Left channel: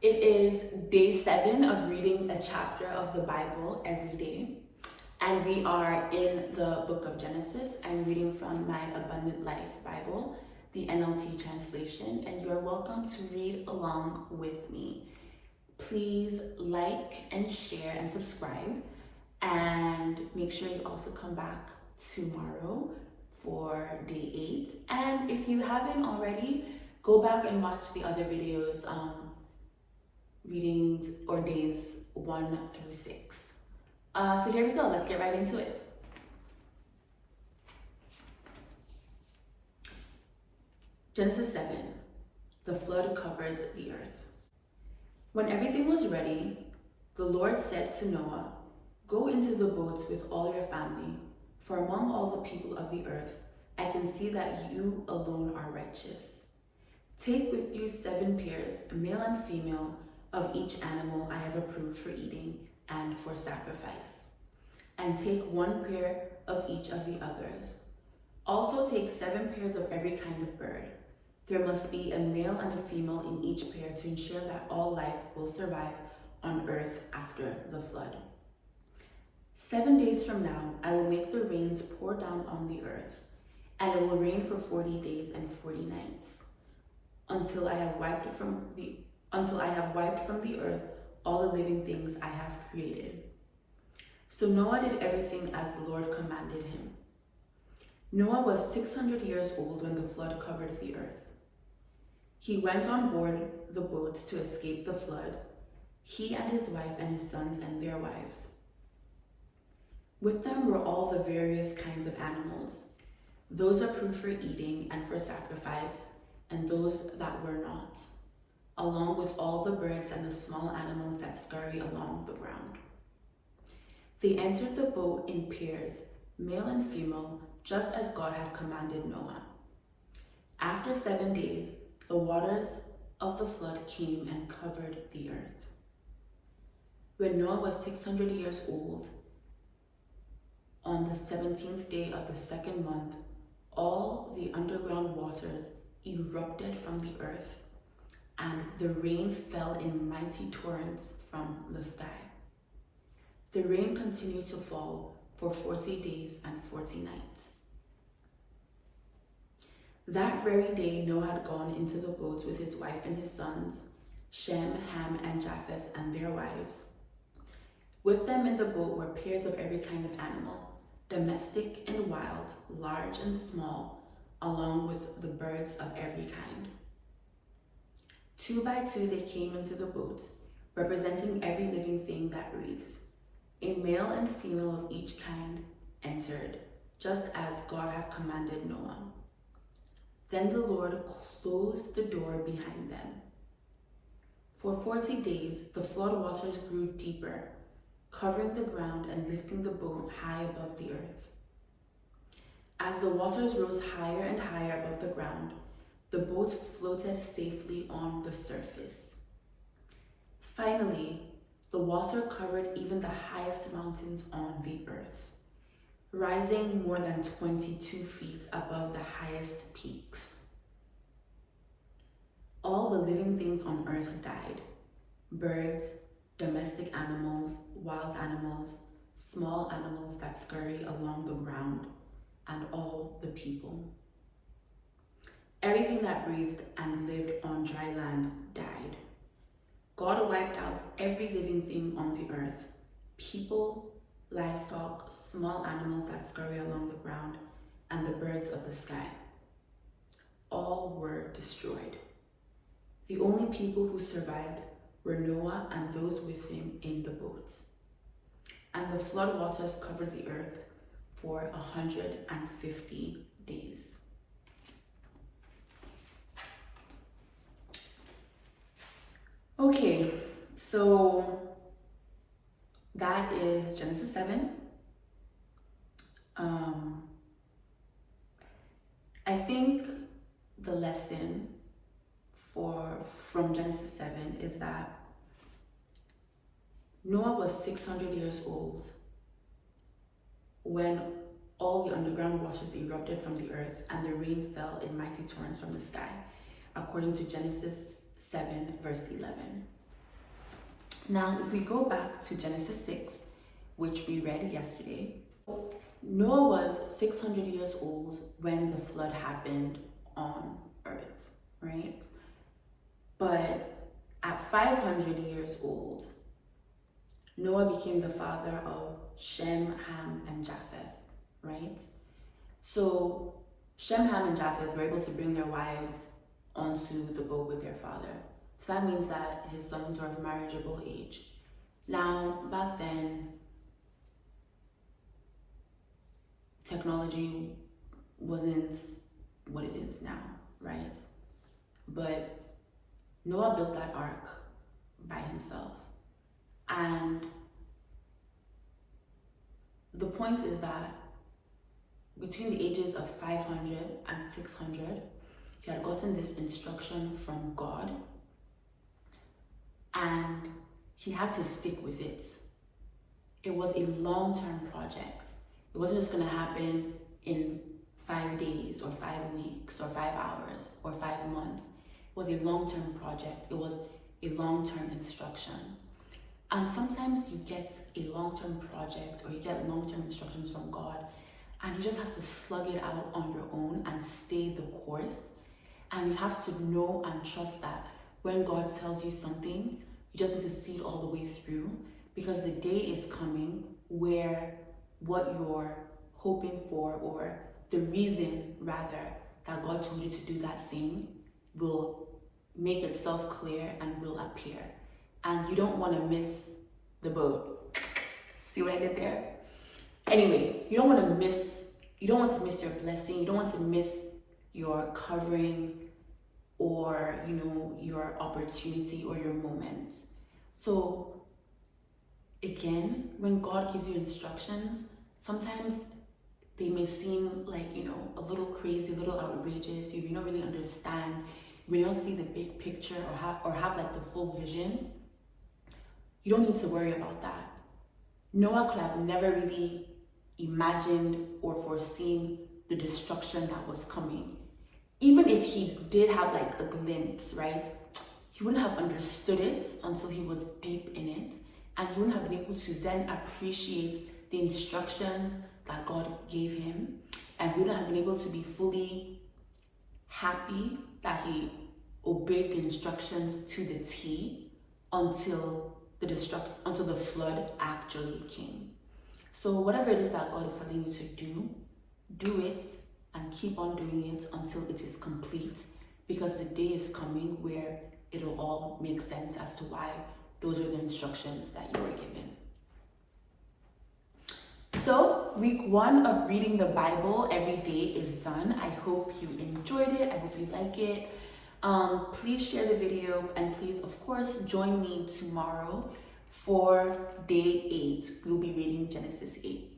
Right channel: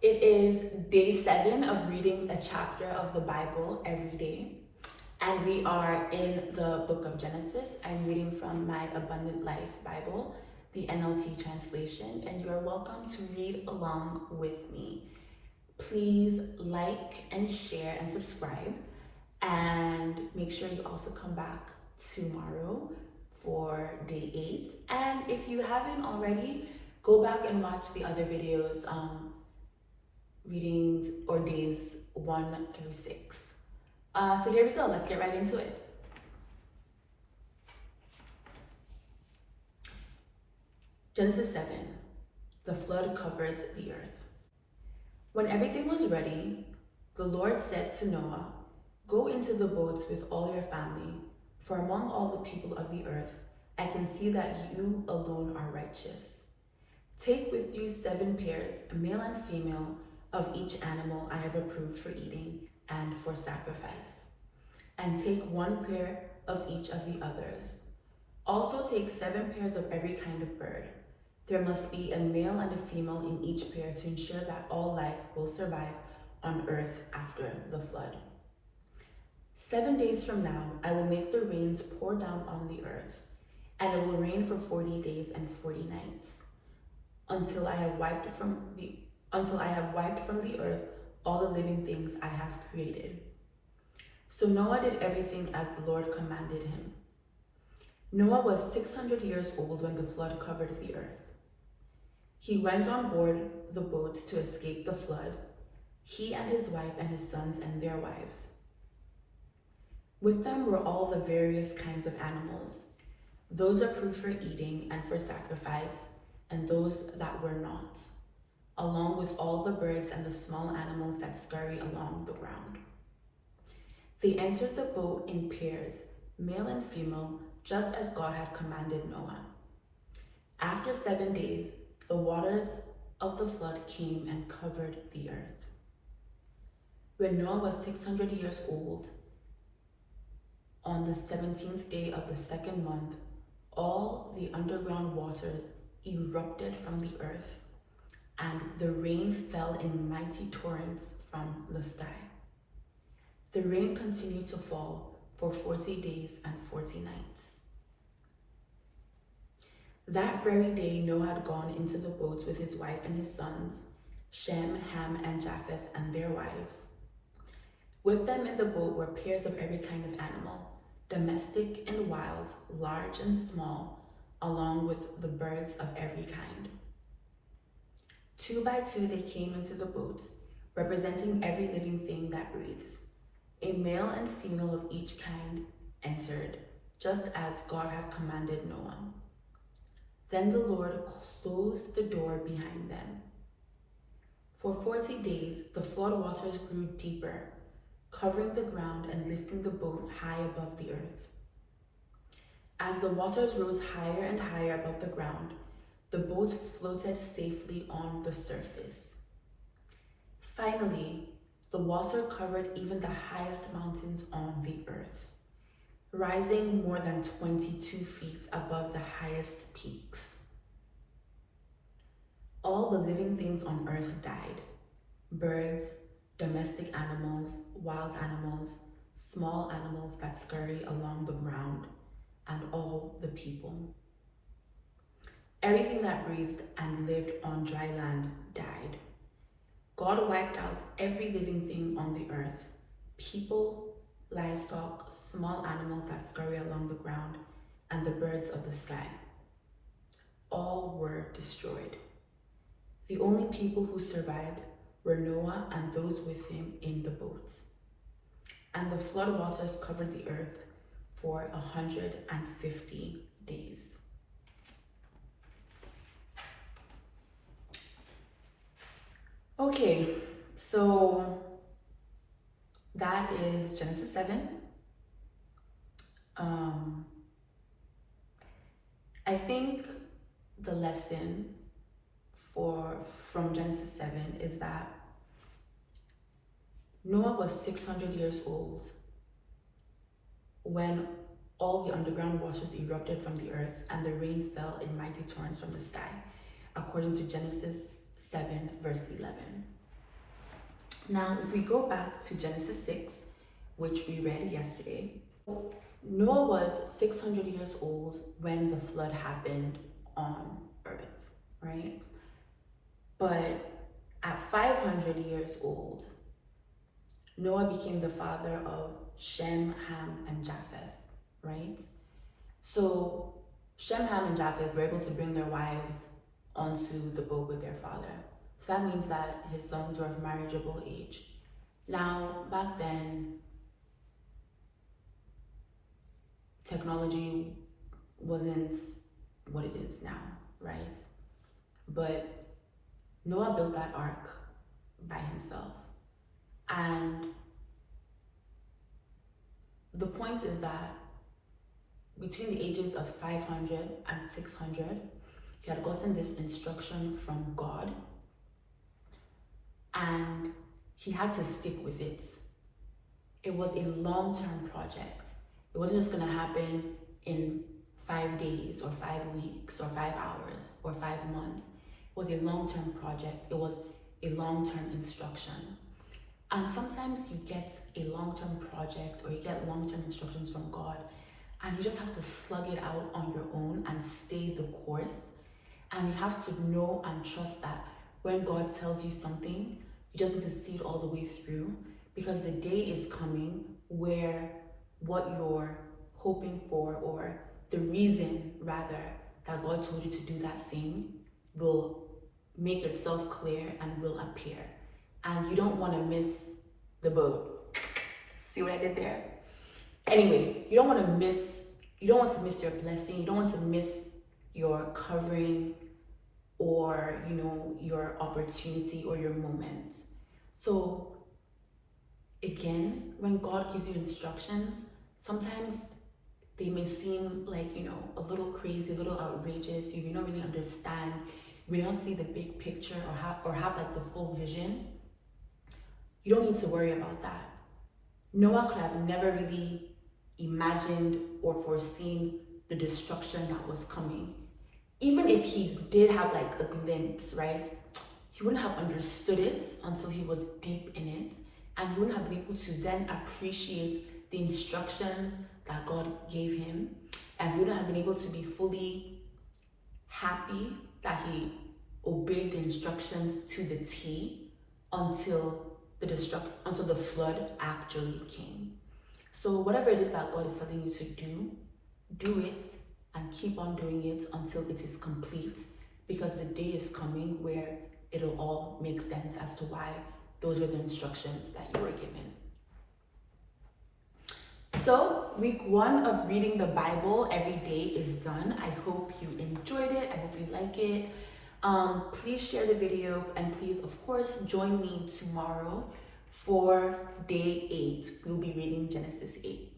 It is day 7 of reading a chapter of the Bible every day. And we are in the book of Genesis. I'm reading from my Abundant Life Bible, the NLT translation, and you're welcome to read along with me. Please like and share and subscribe, and make sure you also come back tomorrow for day 8. And if you haven't already, go back and watch the other videos, readings or days 1 through 6. So here we go, let's get right into it. Genesis 7, the flood covers the earth. When everything was ready, the Lord said to Noah, "Go into the boats with all your family, for among all the people of the earth, I can see that you alone are righteous. Take with you 7 pairs, male and female, of each animal I have approved for eating and for sacrifice. And take 1 pair of each of the others. Also take 7 pairs of every kind of bird. There must be a male and a female in each pair to ensure that all life will survive on earth after the flood. 7 days from now, I will make the rains pour down on the earth, and it will rain for 40 days and 40 nights, until I have wiped from the earth all the living things I have created." So Noah did everything as the Lord commanded him. Noah was 600 years old when the flood covered the earth. He went on board the boats to escape the flood, he and his wife and his sons and their wives. With them were all the various kinds of animals, those approved for eating and for sacrifice, and those that were not, along with all the birds and the small animals that scurry along the ground. They entered the boat in pairs, male and female, just as God had commanded Noah. After 7 days, the waters of the flood came and covered the earth. When Noah was 600 years old, on the 17th day of the 2nd month, all the underground waters erupted from the earth, and the rain fell in mighty torrents from the sky. The rain continued to fall for 40 days and 40 nights. That very day, Noah had gone into the boats with his wife and his sons, Shem, Ham, and Japheth, and their wives. With them in the boat were pairs of every kind of animal, domestic and wild, large and small, along with the birds of every kind. 2 by 2 they came into the boat, representing every living thing that breathes. A male and female of each kind entered, just as God had commanded Noah. Then the Lord closed the door behind them. For 40 days, the flood waters grew deeper, covering the ground and lifting the boat high above the earth. As the waters rose higher and higher above the ground, the boat floated safely on the surface. Finally, the water covered even the highest mountains on the earth, rising more than 22 feet above the highest peaks. All the living things on earth died: birds, domestic animals, wild animals, small animals that scurry along the ground, and all the people. Everything that breathed and lived on dry land died. God wiped out every living thing on the earth: people, livestock, small animals that scurry along the ground, and the birds of the sky. All were destroyed. The only people who survived were Noah and those with him in the boat. And the flood waters covered the earth for 150 days. Okay, so that is Genesis 7. I think the lesson from Genesis 7 is that Noah was 600 years old when all the underground waters erupted from the earth and the rain fell in mighty torrents from the sky, according to Genesis 7 verse 11. Now, if we go back to Genesis 6, which we read yesterday, Noah was 600 years old when the flood happened on earth, right? But at 500 years old, Noah became the father of Shem, Ham, and Japheth, right? So Shem, Ham, and Japheth were able to bring their wives onto the boat with their father. So that means that his sons were of marriageable age. Now, back then, technology wasn't what it is now, right? But Noah built that ark by himself. And the point is that between the ages of 500 and 600, he had gotten this instruction from God, and he had to stick with it. It was a long-term project. It wasn't just going to happen in 5 days or 5 weeks or 5 hours or 5 months. It was a long-term project. It was a long-term instruction. And sometimes you get a long-term project or you get long-term instructions from God, and you just have to slug it out on your own and stay the course. And you have to know and trust that when God tells you something, you just need to see it all the way through, because the day is coming where what you're hoping for, or the reason rather that God told you to do that thing, will make itself clear and will appear. And you don't want to miss the boat. See what I did there? Anyway, you don't want to miss your blessing. You don't want to miss your covering, or your opportunity or your moment. So again, when God gives you instructions, sometimes they may seem like a little crazy, a little outrageous. You may not really understand. You may not see the big picture or have like the full vision. You don't need to worry about that. Noah could have never really imagined or foreseen the destruction that was coming. Even if he did have like a glimpse, right? He wouldn't have understood it until he was deep in it, and he wouldn't have been able to then appreciate the instructions that God gave him, and he wouldn't have been able to be fully happy that he obeyed the instructions to the T until the flood actually came. So whatever it is that God is telling you to do it and keep on doing it until it is complete, because the day is coming where it'll all make sense as to why those are the instructions that you were given. So week 1 of reading the Bible every day is done. I hope you enjoyed it. I hope you like it. Please share the video, and please, of course, join me tomorrow for day 8. We'll be reading Genesis 8.